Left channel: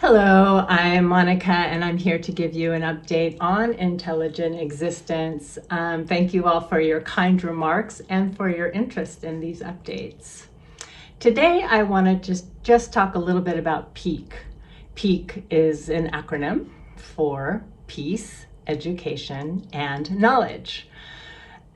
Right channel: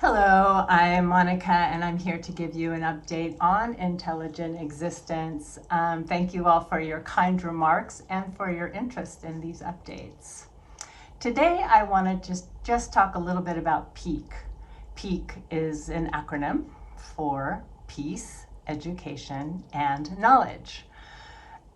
Hello, I'm Monica, and I'm here to give you an update on intelligent existence. Thank you all for your kind remarks and for your interest in these updates. Today, I want to just talk a little bit about PEAK. PEAK is an acronym for Peace, Education, and Knowledge.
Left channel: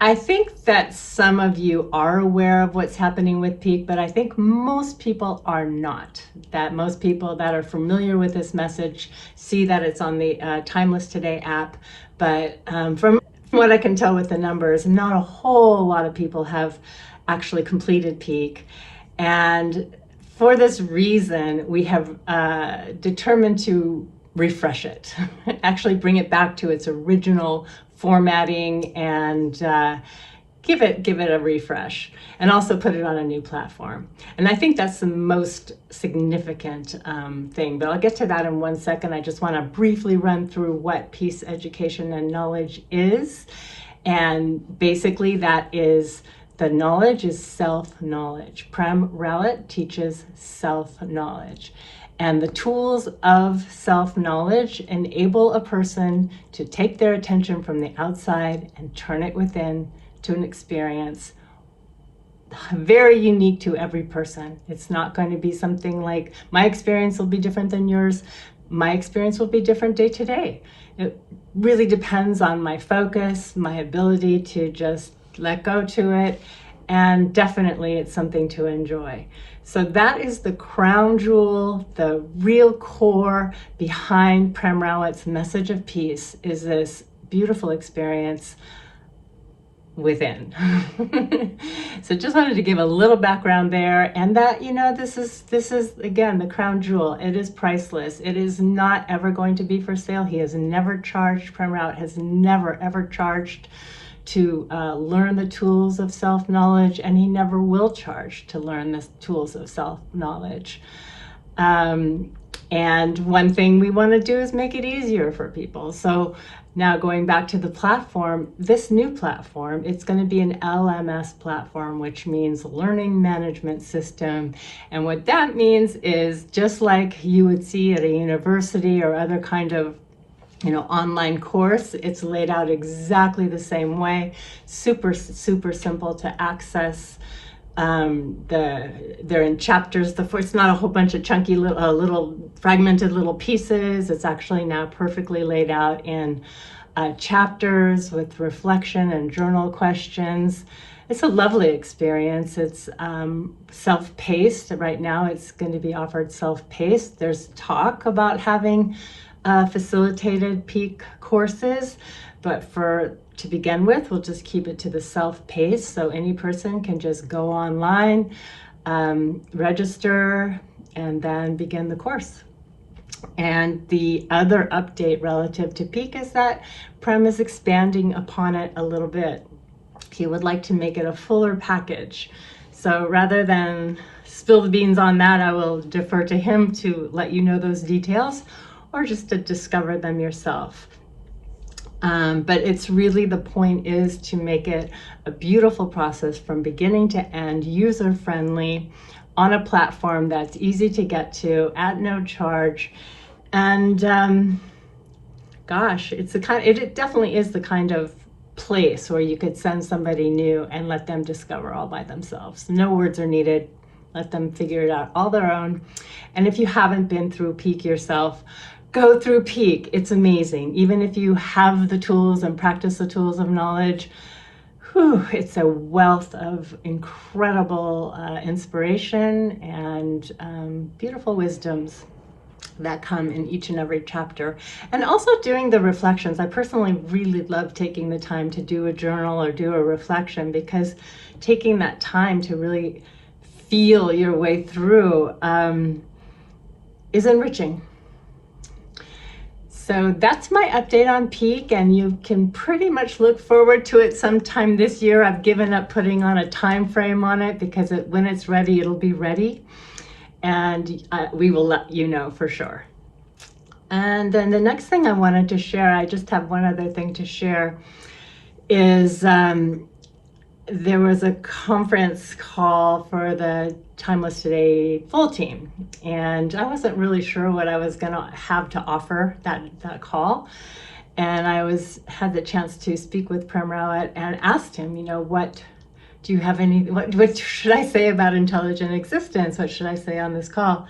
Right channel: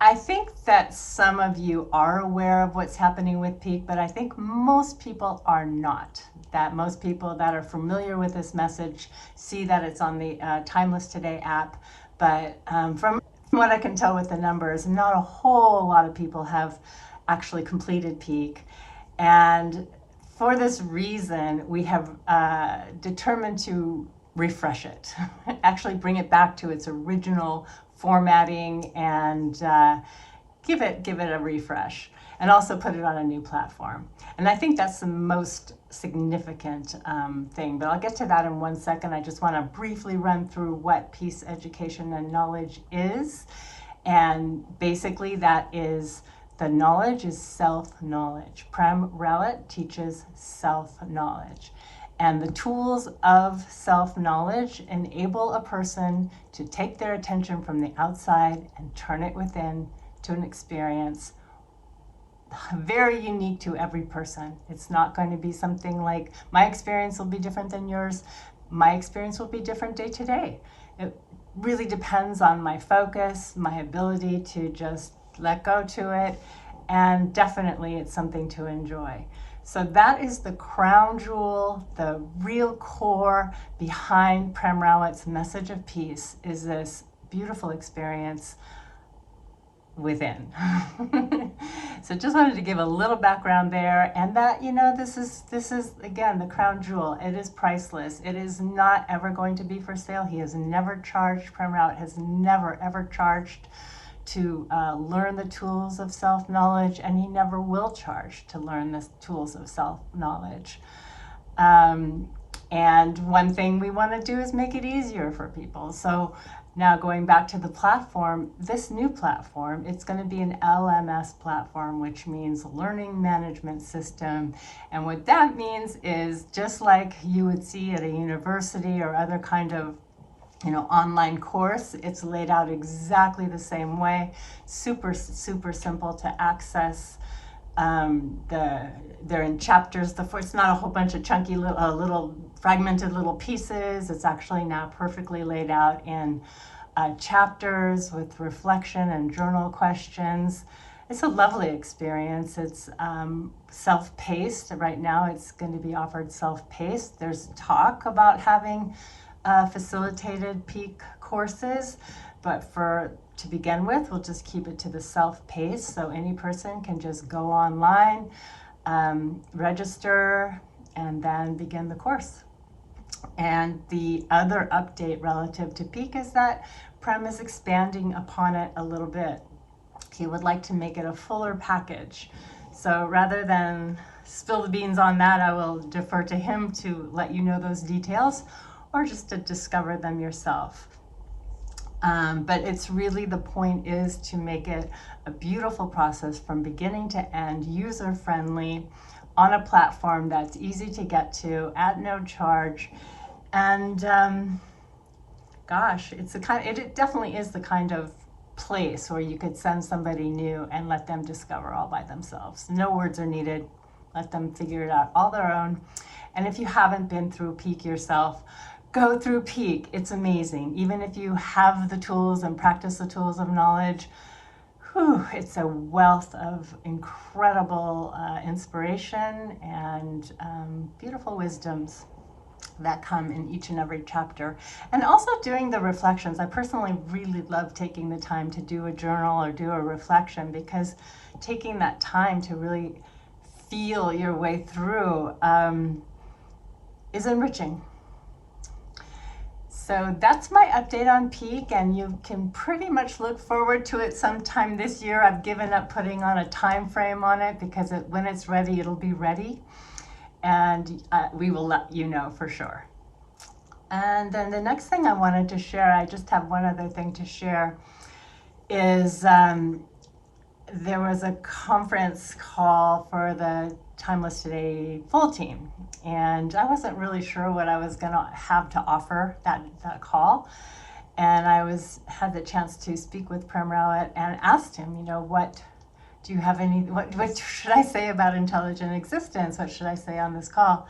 I think that some of you are aware of what's happening with Peak, but I think most people are not. That most people that are familiar with this message see that it's on the Timeless Today app, but from what I can tell with the numbers, not a whole lot of people have actually completed Peak. And for this reason, we have determined to refresh it, actually bring it back to its original formatting and give it a refresh, and also put it on a new platform. And I think that's the most significant thing, but I'll get to that in 1 second. I just want to briefly run through what Peace, Education, and Knowledge is. And basically that is, the knowledge is self-knowledge. Prem Rawat teaches self-knowledge. And the tools of self-knowledge enable a person to take their attention from the outside and turn it within to an experience very unique to every person. It's not going to be something like, my experience will be different than yours. My experience will be different day to day. It really depends on my focus, my ability to just let go to it, and definitely it's something to enjoy. So that is the crown jewel, the real core behind Prem Rawat's message of peace, is this beautiful experience within. So just wanted to give a little background there, and that, this is again the crown jewel. It is priceless. It is not ever going to be for sale. He has never charged, Prem Rawat has never ever charged to learn the tools of self-knowledge, and he never will charge to learn the tools of self-knowledge. And one thing we want to do is make it easier for people. So now going back to the platform, this new platform, it's going to be an LMS platform, which means Learning Management System. And what that means is, just like you would see at a university or other kind of online course, it's laid out exactly the same way. Super simple to access. They're in chapters. It's not a whole bunch of chunky little fragmented little pieces. It's actually now perfectly laid out in chapters with reflection and journal questions. It's a lovely experience. It's self-paced. Right now it's going to be offered self-paced. There's talk about having facilitated peak courses, but to begin with, we'll just keep it to the self-paced, so any person can just go online, register, and then begin the course. And the other update relative to Peak is that Prem is expanding upon it a little bit. He would like to make it a fuller package. So rather than spill the beans on that, I will defer to him to let you know those details, or just to discover them yourself. But it's really, the point is to make it a beautiful process from beginning to end, user-friendly, on a platform that's easy to get to at no charge. And gosh, it definitely is the kind of place where you could send somebody new and let them discover all by themselves. No words are needed. Let them figure it out all their own. And if you haven't been through Peak yourself, go through Peak. It's amazing. Even if you have the tools and practice the tools of knowledge, it's a wealth of incredible inspiration and beautiful wisdoms that come in each and every chapter. And also doing the reflections. I personally really love taking the time to do a journal or do a reflection, because taking that time to really feel your way through is enriching. So that's my update on Peak, and you can pretty much look forward to it sometime this year. I've given up putting on a time frame on it, because when it's ready, it'll be ready, and we will let you know for sure. And then the next thing I wanted to share, I just have one other thing to share, is there was a conference call for the Timeless Today full team, and I wasn't really sure what I was gonna have to offer that call. And I had the chance to speak with Prem Rawat and asked him, what do you have what should I say about intelligent existence? What should I say on this call?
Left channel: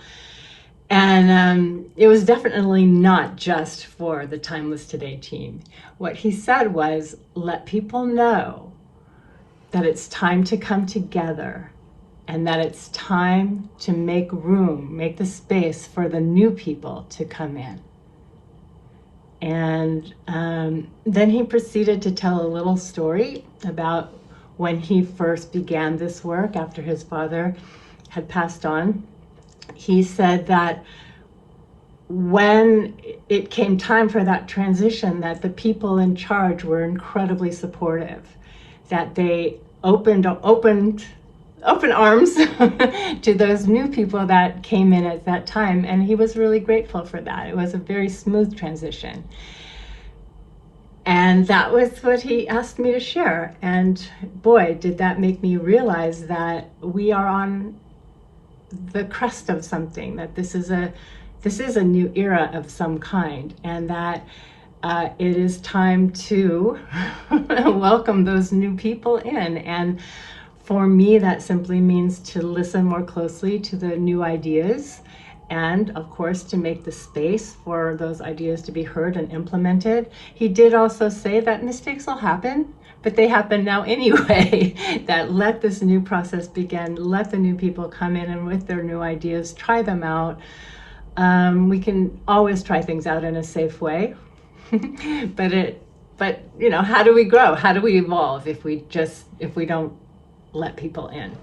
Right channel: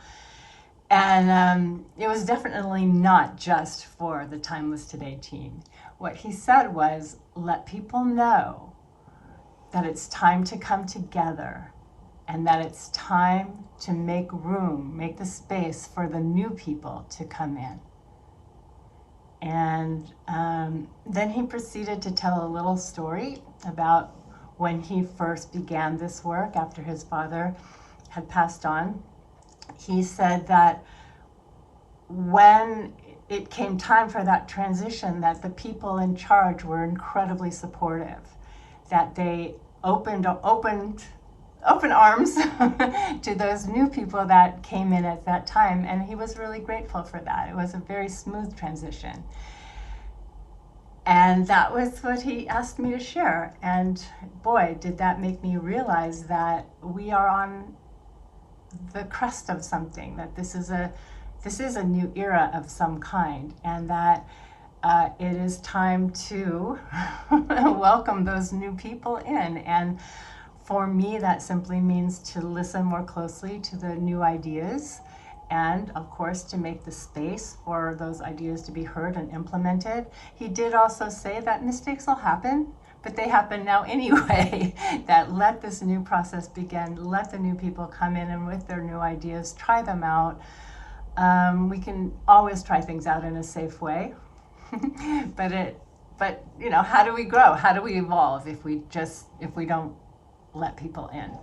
And it was definitely not just for the Timeless Today team. What he said was, let people know that it's time to come together and that it's time to make room, make the space for the new people to come in. And then he proceeded to tell a little story about when he first began this work after his father had passed on. He said that when it came time for that transition, that the people in charge were incredibly supportive, that they opened arms to those new people that came in at that time, and he was really grateful for that. It was a very smooth transition. And that was what he asked me to share. And boy, did that make me realize that we are on the crest of something, that this is a new era of some kind, and that it is time to welcome those new people in. And for me, that simply means to listen more closely to the new ideas, and of course to make the space for those ideas to be heard and implemented. He did also say that mistakes will happen, but they happen now anyway. That let this new process begin, let the new people come in and with their new ideas, try them out. We can always try things out in a safe way, but how do we grow? How do we evolve if we don't let people in?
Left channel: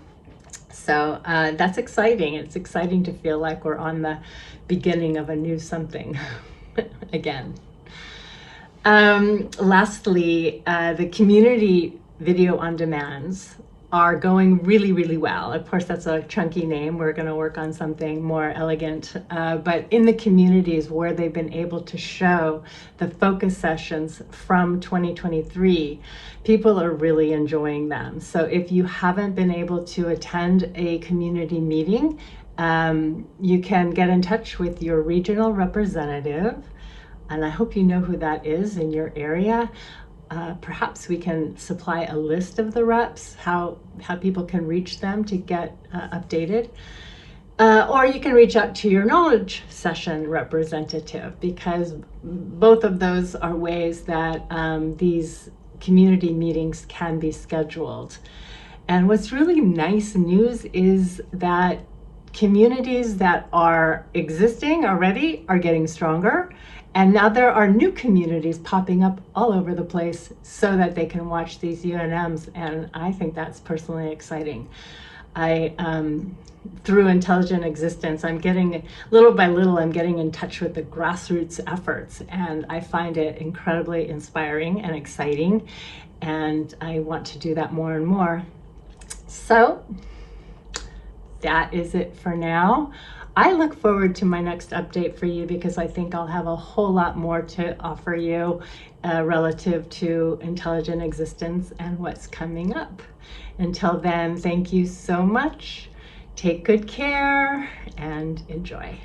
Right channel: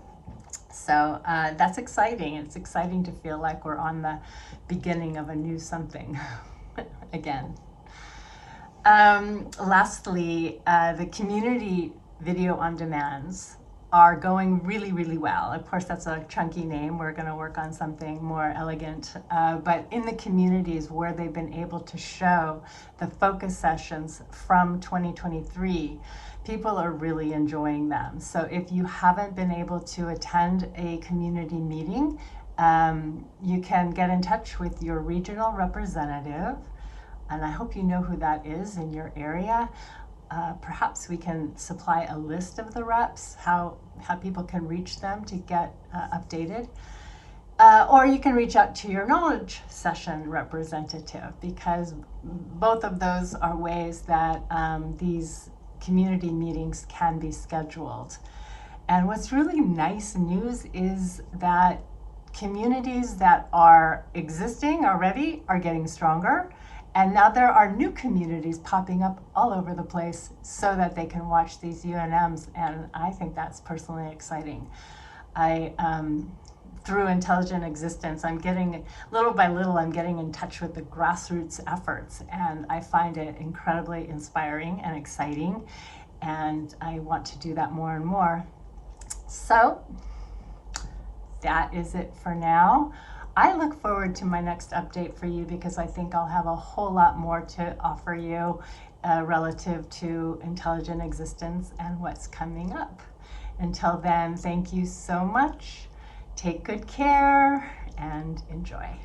So that's exciting. It's exciting to feel like we're on the beginning of a new something again. Lastly, the community video on demands are going really, really well. Of course, that's a chunky name. We're going to work on something more elegant. But in the communities where they've been able to show the focus sessions from 2023, people are really enjoying them. So if you haven't been able to attend a community meeting, you can get in touch with your regional representative. And I hope you know who that is in your area. Perhaps we can supply a list of the reps, how people can reach them to get updated. Or you can reach out to your knowledge session representative, because both of those are ways that these community meetings can be scheduled. And what's really nice news is that communities that are existing already are getting stronger. And now there are new communities popping up all over the place so that they can watch these UNMs. And I think that's personally exciting. Through Intelligent Existence, little by little, I'm getting in touch with the grassroots efforts. And I find it incredibly inspiring and exciting. And I want to do that more and more. So that is it for now. I look forward to my next update for you, because I think I'll have a whole lot more to offer you relative to intelligent existence and what's coming up. Until then, thank you so much. Take good care and enjoy.